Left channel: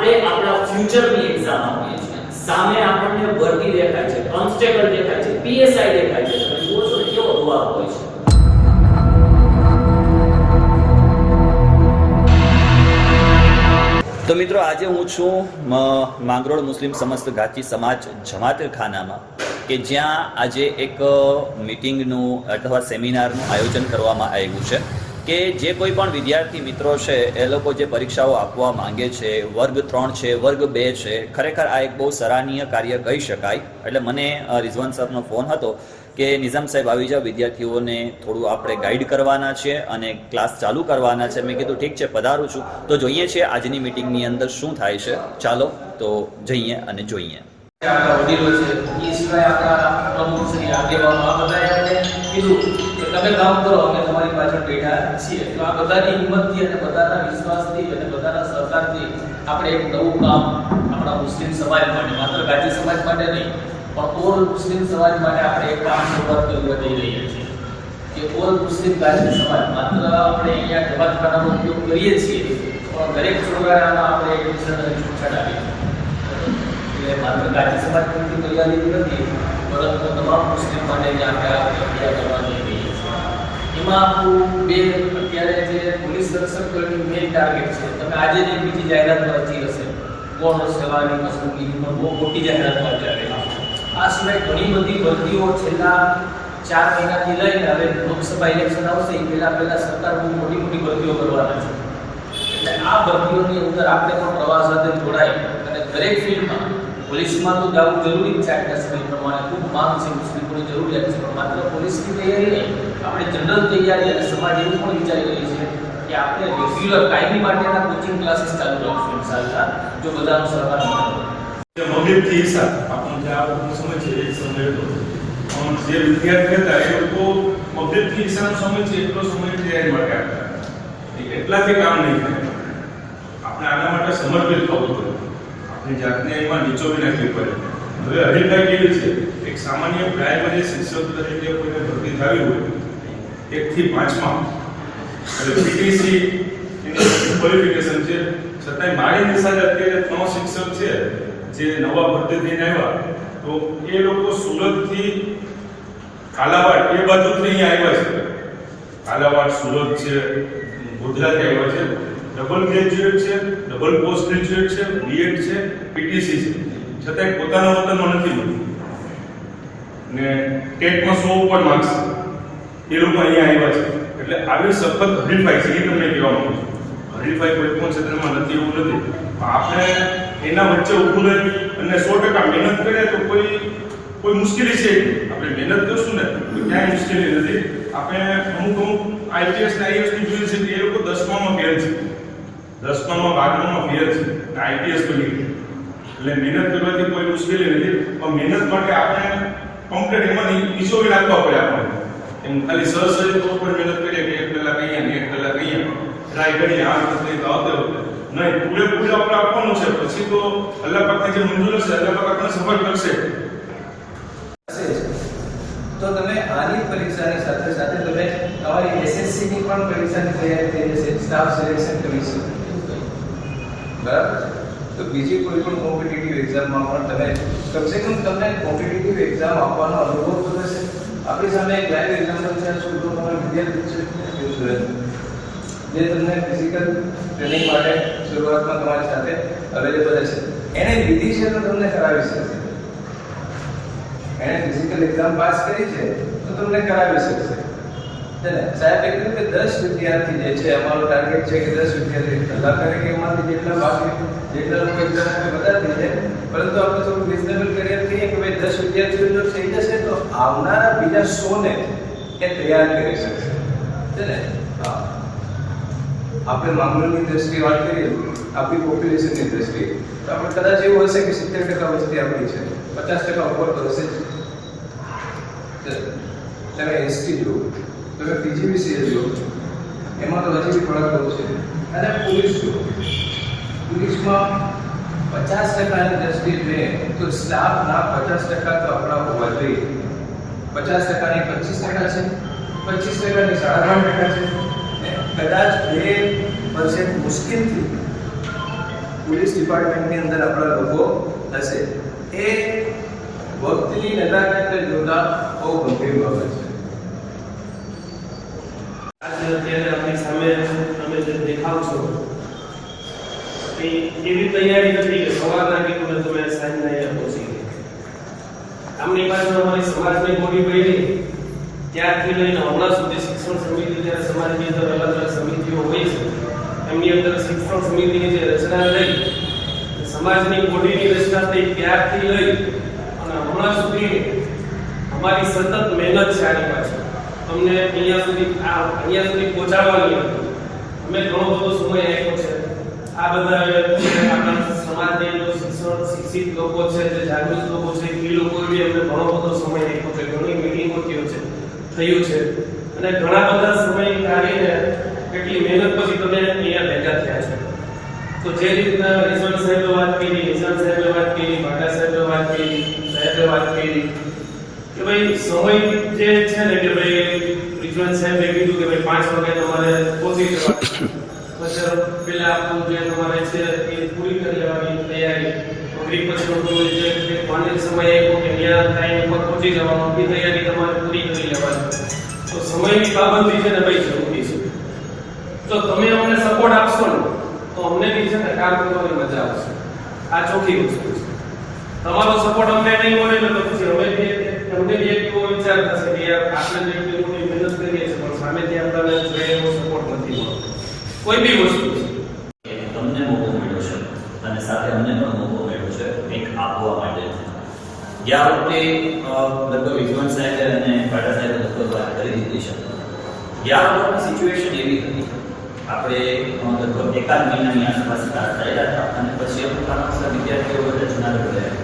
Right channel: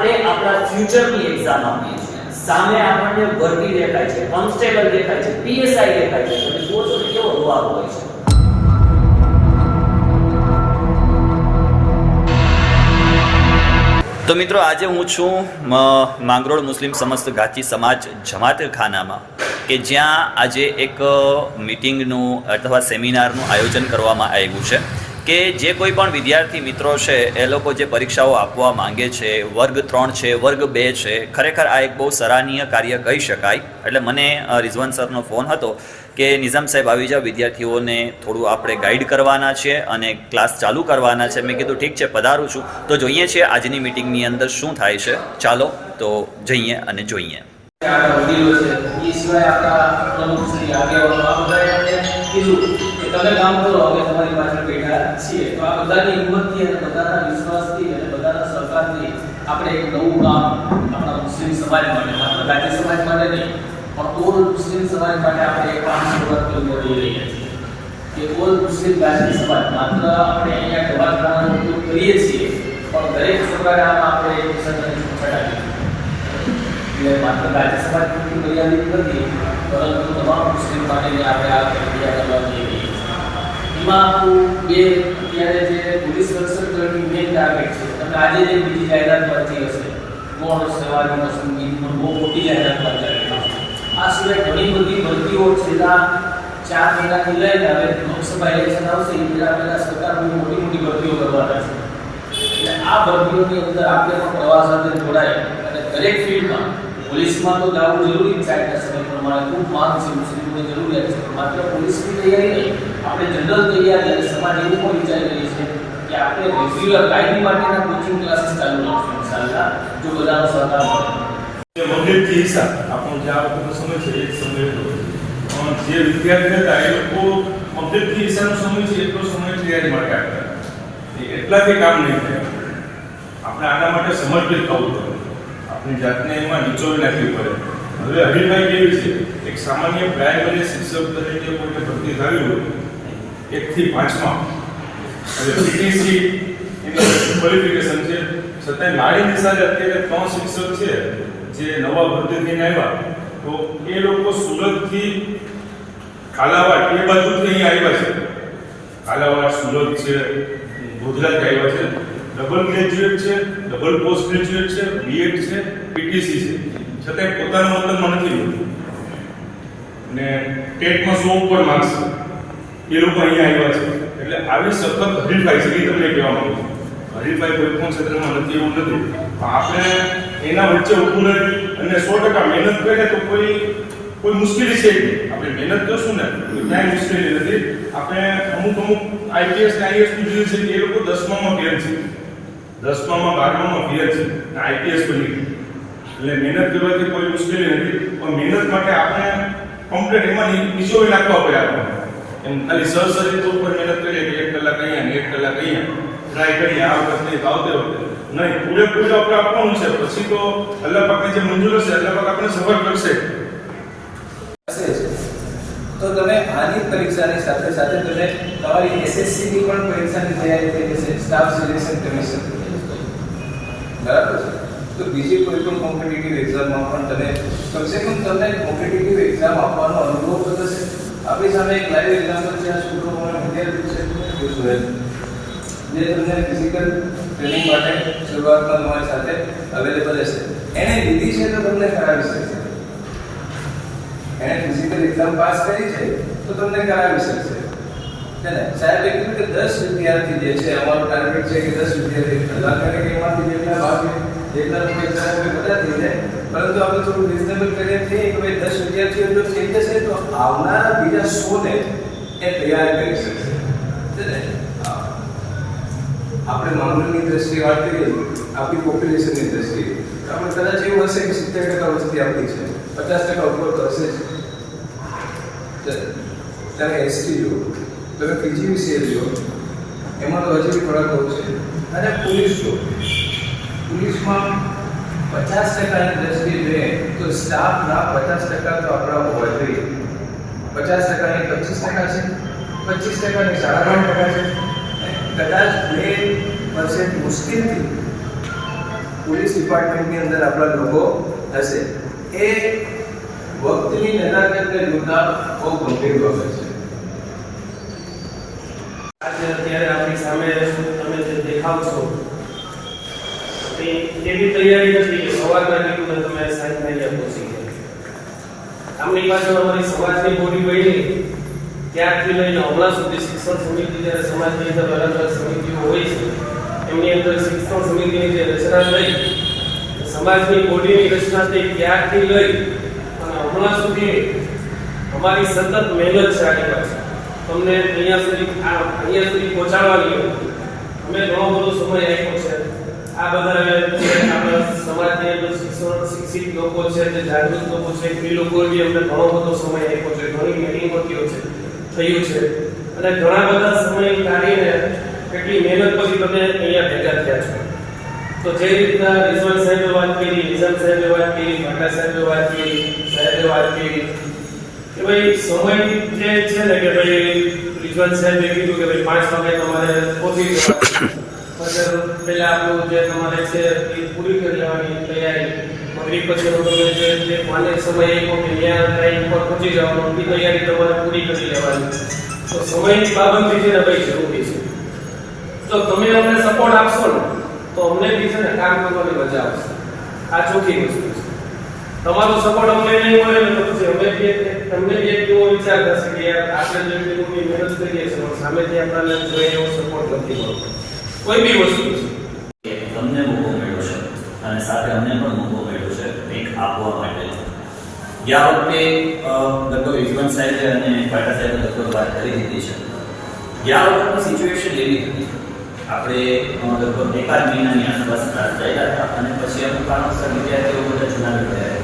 આપણે આપણા ફ્યુચરની એક્ઝામ આપીએ છીએ, સામે આપણને ભરતી દેખાય છે, કોન્સ્ટેબલ દેખાય છે, પીએસઆઈ દેખાય છે, તમે જુઓ છો કેવો જવાબ હોય છે. તો મિત્રો, આજે હું છું માંગરોળ મુસ્લિમ સમસ્ત ગાચી સમાજ જમાત ખાનામાં, કે જ્યાં આજે એક મીટિંગનું અથવા સેમિનારનું આયોજન કરવામાં આવ્યું છે કે જે કોઈ પણ વિદ્યાર્થી મિત્રો છે એ લોકો જે પરીક્ષાઓ આપવા માંગે છે, વર્ગ 3 છે, વર્ગ 2 છે, ખરેખર આ એક બહુ સરાહનીય કાર્ય કહી શકાય. એટલે મને રિઝવાન સરનો ફોન હતો કે નિઝામ સાહેબ આવી જાઓ, વિદ્યાર્થીઓને થોડું આપણે ગાઈડ કરવાના છે અને ક્લાસ ચાલુ કરવાના છે. મેં કીધું ઠીક છે, પધારું છું. તો જોઈએ છીએ આજની મીટિંગની અંદર શું થાય છે. ચાલો તો જઈએ અને જોઈએ. આપણા વડીલો છે, એ સિવાય આપણા પ્રમુખ શ્રી આગેવાનો, આ બધાએ કીધું કે તમે કામ કરો, અમે તમારી પાછળ બેઠા છીએ. તો આ બધાની હિંમતથી અને બધાના વિશ્વાસથી અને બધાના સહકારથી આપણે એક નવું કામ આપણા મુસ્લિમ સમાજ માટે, માત્ર ગાજી સમાજ માટે નહીં પણ ઓલ મુસ્લિમ સમાજ માટે આપણે એક કામ શરૂઆત કરવા જઈ રહ્યા છીએ કે ઓલ મુસ્લિમ ગાજી સમાજ, માત્ર આપણે અહીંયા જમાતખાનાનો ઉપયોગ કરીએ છીએ પણ દરેક છોકરાને આમાં આપણે એડમિશન અને છૂટછાટ આપીએ. એટલે માત્ર ગાજી સમાજ પૂરતી મર્યાદિત નથી, પરંતુ તમામ મુસ્લિમ માટેની આપણે આ પ્રક્રિયા કરવા જઈ રહીએ છીએ. એમાં આપણું અત્યારે જે પોલીસ રક્ષક દળની મેઇન ટાર્ગેટ છે, તમે આજે જે બીજી જાહેરાત વાંચી હશે, ગૌણ સેવાની પસંદગી પણ બહુ મોટી જાહેરાત વાંચી છે. આ સિવાય ઘણી બધી ભરતીઓ છેલ્લા 4 મહિનાથી લઈને હવે લોકસભા ઇલેક્શન આવશે એ પહેલા સરકાર બહુ મોટી ભરતીઓ કરવાના છે. એટલે આ ભરતીઓની અંદર આપણે પણ પ્રવાસ સાથે જોડાય અને દરેક ફિલ્ડમાં, પોલીસમાં તો જવું જરૂરી જ છે, આજના સમય પ્રમાણે ખૂબ માંગ છે, મુસ્લિમોની જરૂરિયાત છે, પણ માત્ર પોલીસની તૈયારી નહીં, આપણે જનરલ તૈયારી અને સમાજ એવું પણ વિચારી રહી છે કે આપણે રેગ્યુલર કાયમી માટેના કોચિંગ ક્લાસીસ ચાલુ રાખશું ઇન્શાઅલ્લાહ, જો બધાનો સહકાર મળે. મગજથી હિસાબ આપણો જે આ વખતનો સમય છે એ સમય હતો, જે વિદ્યાર્થી હતા એ લોકો મગજથી હિસાબનો સમય છે એટલો સમય તૈયારી માટે આપતા, એટલાથી કામ નહીં થાય. આપણે આના માટે સમર્પિત થવું પડે, આપણી જાતને એમાં નીચોવી નાખવી પડે. હવે હરીફાઈ કેવી છે, એક સામાન્ય પ્રાઇમરી શિક્ષક તરીકે કોઈને ભરતી થવી હોય 1 થી 5માં, એટલે પીટીસી એની ક્વોલિફિકેશન છે, છતાંય મારી નિશાળે અત્યારે 3 શિક્ષક છે જે નવા ભરતી થઈને આવ્યા, તો એ લોકો સુરતથી કાલાવાડ એ બાજુથી અહીં આવ્યા છે. કાલાવાડ, સુરત છે, ગોધરાથી આવ્યા છે, ડબલ ગ્રેજ્યુએટ છે, ડબલ પોસ્ટ ગ્રેજ્યુએટ છે, બીએડ છે, પીટીસી છે, છતાંય પોતાના વતનમાં નથી મળતું ને ટેટમાં 100 ઉપર માર્ક્સ એ લોકો અહીંયા આવ્યા છે. એટલે આવી સખત હરીફાઈ છે, એ તમને કહેવા માંગુ છું. હરીફાઈ કોઈ પણ ક્ષેત્રમાં નથી એવું નથી, પણ આપણે એના વચ્ચે ઊભું રહી અને 100% મહેનત કરીએ તો કોઈ મુશ્કેલી છે. આપણે મહેનત કરશું ને તો ક્યાંય મુશ્કેલી નથી. આપણે અમુક આઈપીએસ ને આઈએસ નું જોયું છે કે એ લોકો 10માં ફેલ છે, 10માં 12માં ફેલ છે, આઈપીએસ બની ગઈ. એટલે મહેનત કરવાથી કોઈ મુશ્કેલી નથી, પણ મહેનત માટે આપણે કમ્પ્લીટ એમાં નિશોવી નાખવા પડે. આપણે એમ ખાલી સરસરી તોર પર મહેનત કરીએ કે 1 કલાક અહીંયા ને 1 કલાક અહીંયા ટ્રાય કરીએ, આમ કરતી તો આવતે વખતે નહીં, પૂરેપૂરું આપણે આપવાનું છે. પછી તો અલ્લાહ પાકને જે મંજૂર હશે અલ્લાહ પાક આપણને સફળ કરશે. તો તમે આની પરીક્ષાની સાથે સાથે તમે તમારી એસએસસી ની પણ પરીક્ષાની તૈયારી થઈ જશે, સ્ટાફ સિલેક્શન કમિશન, બરાબર છે. તો બીજી કોઈ પણ કોમ્પિટિટિવ એક્ઝામમાં પણ તમે કમસે કમ તમને કોમ્પિટિટિવ એક્ઝામ આપવાનો અનુભવ તો થશે. આપણી સામે એક લાઈવ એક્ઝામ્પલ છે, આ સુબ્રમણ્યમ વિદ્યાર્થી છે સુરેશ, જે તમને ફિઝિકલ ટ્રેનિંગ માટે શરૂઆતમાં તમારી સાથે અવેલેબલ હશે. એને લીધી છે તો તમને કરાવી શકશે. એને ફિઝિકલ એક્ઝામ પાસ કરી છે તો તમને કરાવી શકશે, છે ને. સાહેબે કીધું કે 10 વિદ્યાર્થી જે છે, અમારો ટાર્ગેટ છે કે 10 વિદ્યાર્થી કલાક કરે કે એમાંથી જેટલા ભાગ જેટલા એક્ઝામ કરે બધા થઈ જાય, પરંતુ આપણે થોડું રિઝનેબલ કરીએ છીએ કે ભાઈ 10 વિદ્યાર્થીઓ જો થઈ જશે તો આવનારા બીજા 100 ને એ તૈયાર કરી શકશે, છે ને. આપણે માંગરોળની દ્રષ્ટિએ વાત કરીએ, આપણી પોપ્યુલેશનની દ્રષ્ટિએ, તો આપણે કદાચ એવું હશે કે 70% વસ્તી આપણી છે, 50% ઉપર તો હશે જ. તમે એસટી જુઓ, તમે પીજીવીસીએલ જુઓ, એમાં તો હજી બી થોડાક બહુ છે. અને પોલીસ જુઓ, પોલીસમાં 50%ની દ્રષ્ટિએ જોઈએ તો સ્ટાફના 50% તો આપણા હોવા જોઈએ. 50%ની 25% છે, 25%ની 8.5% છે, કદાચ 2% મુશ્કેલથી પોલીસ ડિપાર્ટમેન્ટની અંદર આપણા લોકો હશે એ વખતની નજાકતને જોતા બહુ ગંભીર બાબત છે. આજે અત્યારે આપણી સામે તમે જે દેખાવ છો એ એવી તૈયારી નથી કે સવારના કીધું ને તમે સાંજના અહીંયા પહોંચી ગયા. આમની પાછળ અમારી સમાજની બોડી બની ત્યારથી લઈને હમણાં સુધી શિક્ષણ સમિતિ જ્યારે સમાજની અંદર અલગ અલગ સમિતિઓ હોય છે એમની અંદર શિક્ષણ સમિતિની જે રચના થઈ સમાજની બોડીની રચના થઈ ત્યારથી લઈ અને હમણાં સુધી અમારી સતત મહેનત છે આની પાછળ તમને અહીંયા સુધી પહોંચાડવાની અમે ઘણો બધો સમય આપ્યો છે. આ બધા આપણા સમાજની અંદર શિક્ષિત લોકો છે જે જાગૃત લોકો છે એ લોકોએ બી અમને ઘણો બધો સમય આપ્યો છે. ઘણી મિટિંગો થયું છે અને ઘણા બધા સમય કાઢીને કેટલી મહેનત પછી તમે અહીંયા ભેગા થયા છો. તો જે રીતના રિઝવાન સાહેબે વાત કરી, નિઝામ સાહેબે વાત કરી, ભાટા સાહેબે વાત કરી, સાહેબે વાત કરી કે ભાઈ સમય જે છે ને કે ભાઈ રિઝવાન સાહેબે કીધું કે ભાઈ 5 વાગે તમારે પહોંચી જવાનું. પહેલા આપણું જે તમારે છે એ પૂરી કરી લેવાની તૈયારી. મગરીબ પછી તમે જે માન્ય સમય આપ્યો કે ત્યાં ટાઈમ પર પહોંચી જવાનું એ તૈયારી તમારે પૂરી કરી લેવાની. તો સમયની પાબંદી છે ને ભાઈ જરૂરી છે. જો તમે અમને સપોર્ટ આપશો ને તો અમને બી છે ને કામ કરવાની મજા આવશે. આ ચોખ્ખી વસ્તુ છે. તમારો સપોર્ટ અમને નહીં મળે ને તો પછી અમે બી તમને બી એક એવો વિચાર થશે કે યાર આપણે જે લોકોની મહેનત કરીએ છીએ પણ સામેથી આપણને જોઈએ એવો સપોર્ટ નથી મળતો. કોઈ બી વસ્તુ છે તમને મોકો મળ્યો છે અને સાથે અમને પણ મોકો મળ્યો છે કંઈક આપવા માટે. ગયા વખતે લગભગ રિઝવાન સાહેબે અને ભાટા સાહેબે લગભગ વાત કરી દીધી છે. ગયા વખતની સિચ્યુએશન એવી હતી આપણે લગભગ 1 મહિનાની આસપાસ ક્લાસ થયેલા હતા અને પછી અમુક કારણોસર વિદ્યાર્થીઓ બધા જુનાગઢ ગયા.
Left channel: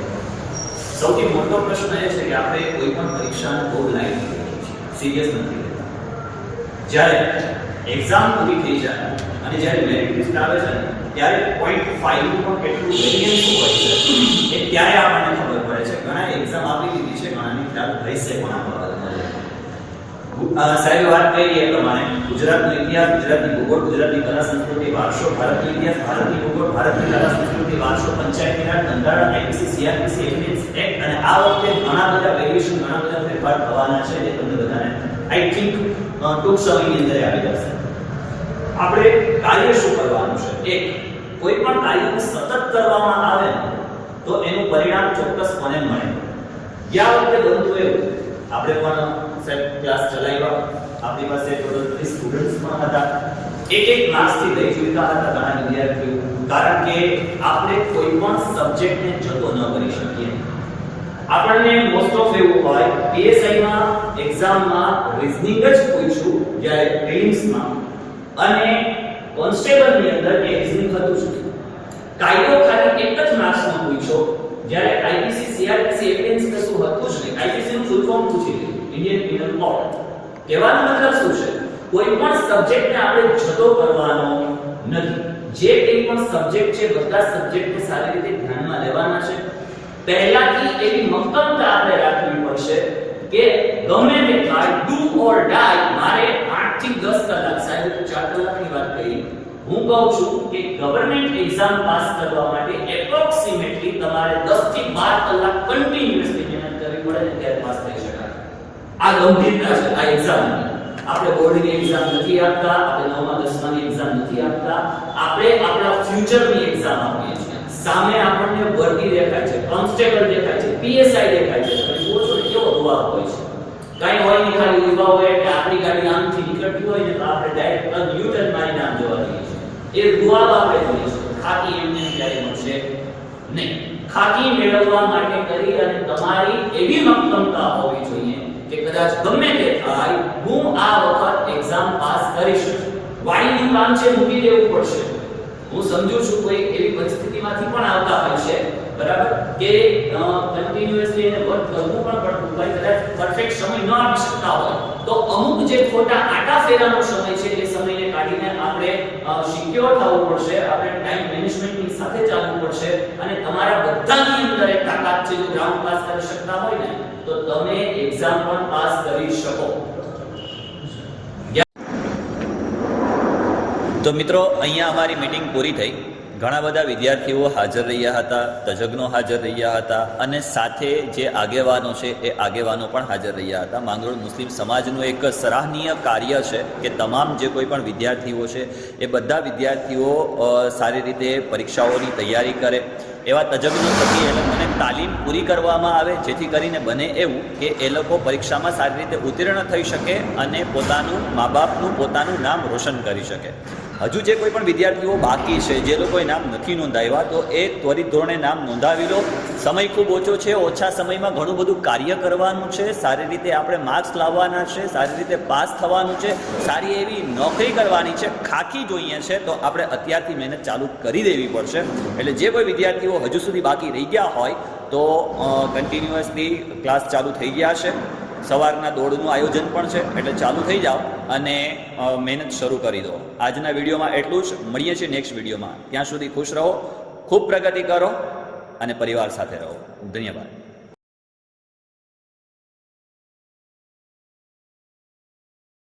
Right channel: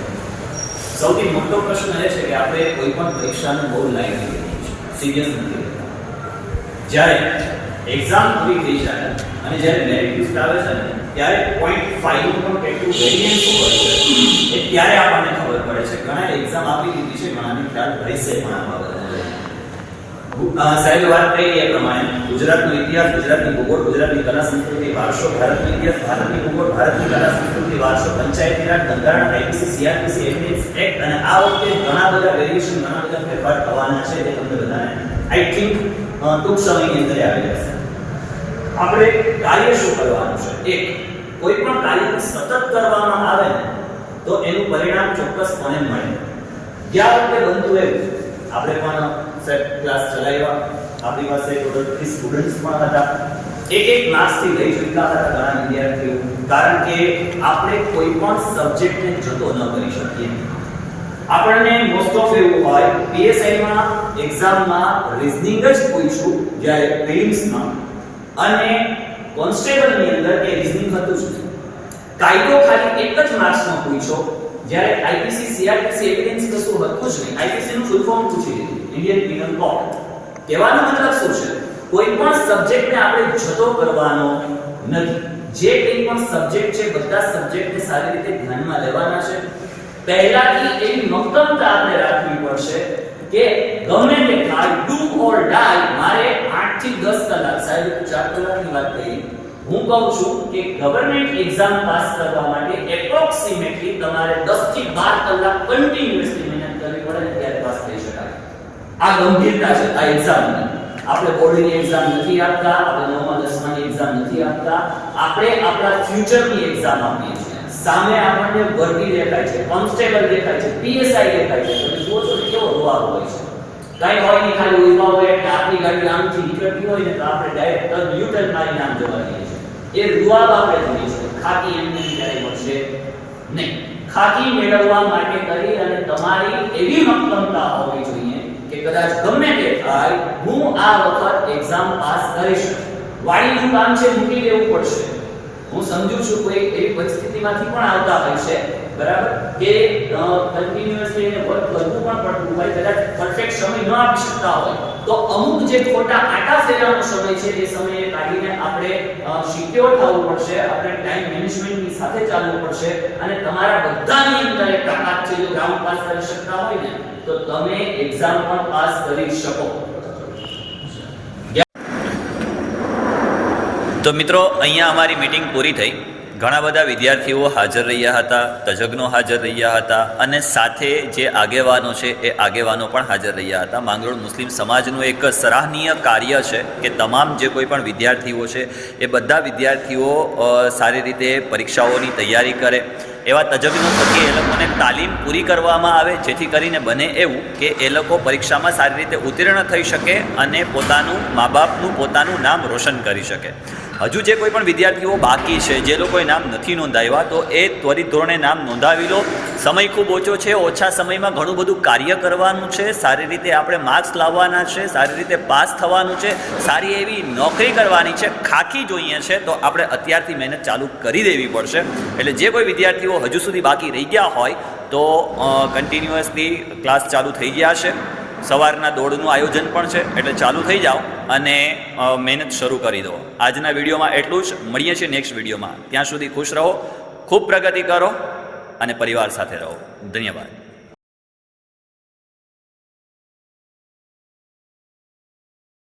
સૌથી મોટો પ્રશ્ન એ છે કે આપણે કોઈ પણ પરીક્ષાને બહુ લાઈટ લઈએ છીએ, સિરિયસ નથી લેતા. જ્યારે એક્ઝામ પૂરી થઈ જાય અને જ્યારે મેરિટ લિસ્ટ આવે છે ને ત્યારે 0.5 નું પણ કેટલું વેરિયન્સ હોય છે એ ત્યારે આપણને ખબર પડે છે. ઘણા એક્ઝામ આપી દીધી છે, ઘણાની ખ્યાલ રહેશે પણ આ બાબતે. સાહેબ વાત કરી એ પ્રમાણે ગુજરાતનો ઇતિહાસ, ગુજરાતની ભૂગોળ, ગુજરાતની કલા સંસ્કૃતિ વારસો, ભારતનો ઇતિહાસ, ભારતની ભૂગોળ, ભારતની કલા સંસ્કૃતિ વારસો, પંચાયતી રાજ, બંધારણ, આઈપીસી, સીઆરપીસી, એવિડન્સ એક્ટ અને આ વખતે ઘણા બધા વેરિએશન, ઘણા બધા ફેરફાર થવાના છે એ તમને બધાને આઈ થિંક ટૂંક સમયની અંદર આવી જશે. આપણે કાર્ય શું કરવાનું છે? એક, કોઈ પણ કાર્યને સતત કરવામાં આવે તો એનું પરિણામ ચોક્કસપણે મળે. ગયા વખતે બનતું એવું આપણે પણ ક્લાસ ચલાવ્યા, આપણી પાસે ટોટલ 30 સ્ટુડન્ટ્સ પણ હતા. એક માર્ક્સથી લઈ ચૂક્યા હતા ઘણા વિદ્યાર્થીઓ, કારણ કે આપણે કોઈ પણ સબ્જેક્ટને જતો ન કરી શકીએ. આપણને મોસ્ટ ઓફ એવું હોય પીએસઆઈ માં એક્ઝામમાં રીઝનિંગ જ પૂછ્યું જ્યારે પ્રિલિમ્સમાં, અને કોન્સ્ટેબલની અંદર એ રીઝનિંગ હતું જ. કાયદો ખાલી એક જ માર્ક્સમાં પૂછ્યો, જ્યારે આઈપીસી, સીઆરપીસી, એવિડન્સ કશું હતું જ નહીં. આઈપીસી નું ફૂલ ફોર્મ પૂછી લીધું, ઇન્ડિયન પિનલ કોડ. કહેવાનો મતલબ શું છે? કોઈ પણ સબ્જેક્ટને આપણે જતો કરવાનો નથી. જે કંઈ પણ સબ્જેક્ટ છે બધા સબ્જેક્ટને સારી રીતે ધ્યાનમાં લેવાના છે. પહેલાથી એવી મક્કમતા આપણે રાખવી પડશે કે ગમે તે થાય, ડુ ઓર ડાય, મારે 8 થી 10 કલાક, સાહેબ 4 કલાકની વાત કરી, હું કહું છું કે ગવર્નમેન્ટ એક્ઝામ પાસ કરવા માટે એપ્રોક્સિમેટલી તમારે 10 થી 12 કલાક કન્ટિન્યુઅસલી મહેનત કરવી પડે ને ત્યારે પાસ થઈ શકાય. આ ગંભીરતા છે આ એક્ઝામની. આપણે બોર્ડની એક્ઝામ નથી આપતા, આપણે 9મા 10માની એક્ઝામ નથી આપતા, આપણે આપણા ફ્યુચરની એક્ઝામ આપીએ છીએ. સામે આપણને વર્દી દેખાય છે, કોન્સ્ટેબલ દેખાય છે, પીએસઆઈ દેખાય છે. તમે જુઓ છો કેવો રૂઆબ હોય છે. કઈ હોય નહીં, ખાલી ઊભા હોય એટલે આપણી ગાડી આમથી નીકળતી હોય ને તો આપણે ડાયરેક્ટ ટર્ન યુટર્ન મારીને આમ જવા દઈએ છીએ. એ રૂઆબ આપણે જોઈએ છે. ખાકી એમને ક્યારે મળશે નહીં. ખાકી મેળવવા માટે કરી અને તમારી એવી મક્કમતા હોવી જોઈએ કે કદાચ ગમે તે થાય હું આ વખત એક્ઝામ પાસ કરીશ. વાણીનું કામ છે, મૂકી દેવું પડશે. હું સમજુ છું કોઈ એવી પરિસ્થિતિમાંથી પણ આવતા હોય છે, બરાબર, કે કન્ટિન્યુઅસલી વર્ક કરવું પણ પડતું હોય, કદાચ પરફેક્ટ સમય ન આપી શકતા હોય તો અમુક જે ખોટા આટા ફેરાનો સમય છે એ સમયને કાઢીને આપણે સિક્યોર થવું પડશે. આપણે ટાઈમ મેનેજમેન્ટની સાથે ચાલવું પડશે અને તમારા બધાની અંદર એક તાકાત છે. જો રાઉન્ડ પાસ કરી શકતા હોય ને તો તમે એક્ઝામ પણ પાસ કરી શકો. તો મિત્રો, અહીંયા અમારી મીટિંગ પૂરી થઈ. ઘણા બધા વિદ્યાર્થીઓ હાજર રહ્યા હતા, તજજ્ઞો હાજર રહ્યા હતા અને સાથે જે આગેવાનો છે એ આગેવાનો પણ હાજર રહ્યા હતા. માંગરોળ મુસ્લિમ સમાજનું એક સરાહનીય કાર્ય છે કે તમામ જે કોઈ પણ વિદ્યાર્થીઓ છે એ બધા વિદ્યાર્થીઓ સારી રીતે પરીક્ષાઓની તૈયારી કરે, એવા તજજ્ઞો થકી એ લોકોને તાલીમ પૂરી કરવામાં આવે, જેથી કરીને બને એવું કે એ લોકો પરીક્ષામાં સારી રીતે ઉત્તીર્ણ થઈ શકે અને પોતાનું મા બાપનું પોતાનું નામ રોશન કરી શકે. હજુ જે કોઈ પણ વિદ્યાર્થીઓ બાકી છે, જે લોકોએ નામ નથી નોંધાવ્યા, તો એ ત્વરિત ધોરણે નામ નોંધાવી લો. સમય ખૂબ ઓછો છે, ઓછા સમયમાં ઘણું બધું કાર્ય કરવાનું છે, સારી રીતે આપણે માર્ક્સ લાવવાના છે, સારી રીતે પાસ થવાનું છે, સારી એવી નોકરી કરવાની છે, ખાખી જોઈએ છે, તો આપણે અત્યારથી મહેનત ચાલુ કરી દેવી પડશે. એટલે જે કોઈ વિદ્યાર્થીઓ હજુ સુધી બાકી રહી ગયા હોય તો કન્ટિન્યુઅસલી ક્લાસ ચાલુ થઈ ગયા છે. સવારના દોડનું આયોજન પણ છે, એટલે ચાલુ થઈ જાઓ અને મહેનત શરૂ કરી દો. આજના વિડીયોમાં એટલું જ. મળીએ છીએ નેક્સ્ટ વિડીયોમાં. ત્યાં સુધી ખુશ રહો, ખૂબ પ્રગતિ કરો અને પરિવાર સાથે રહો. ધન્યવાદ.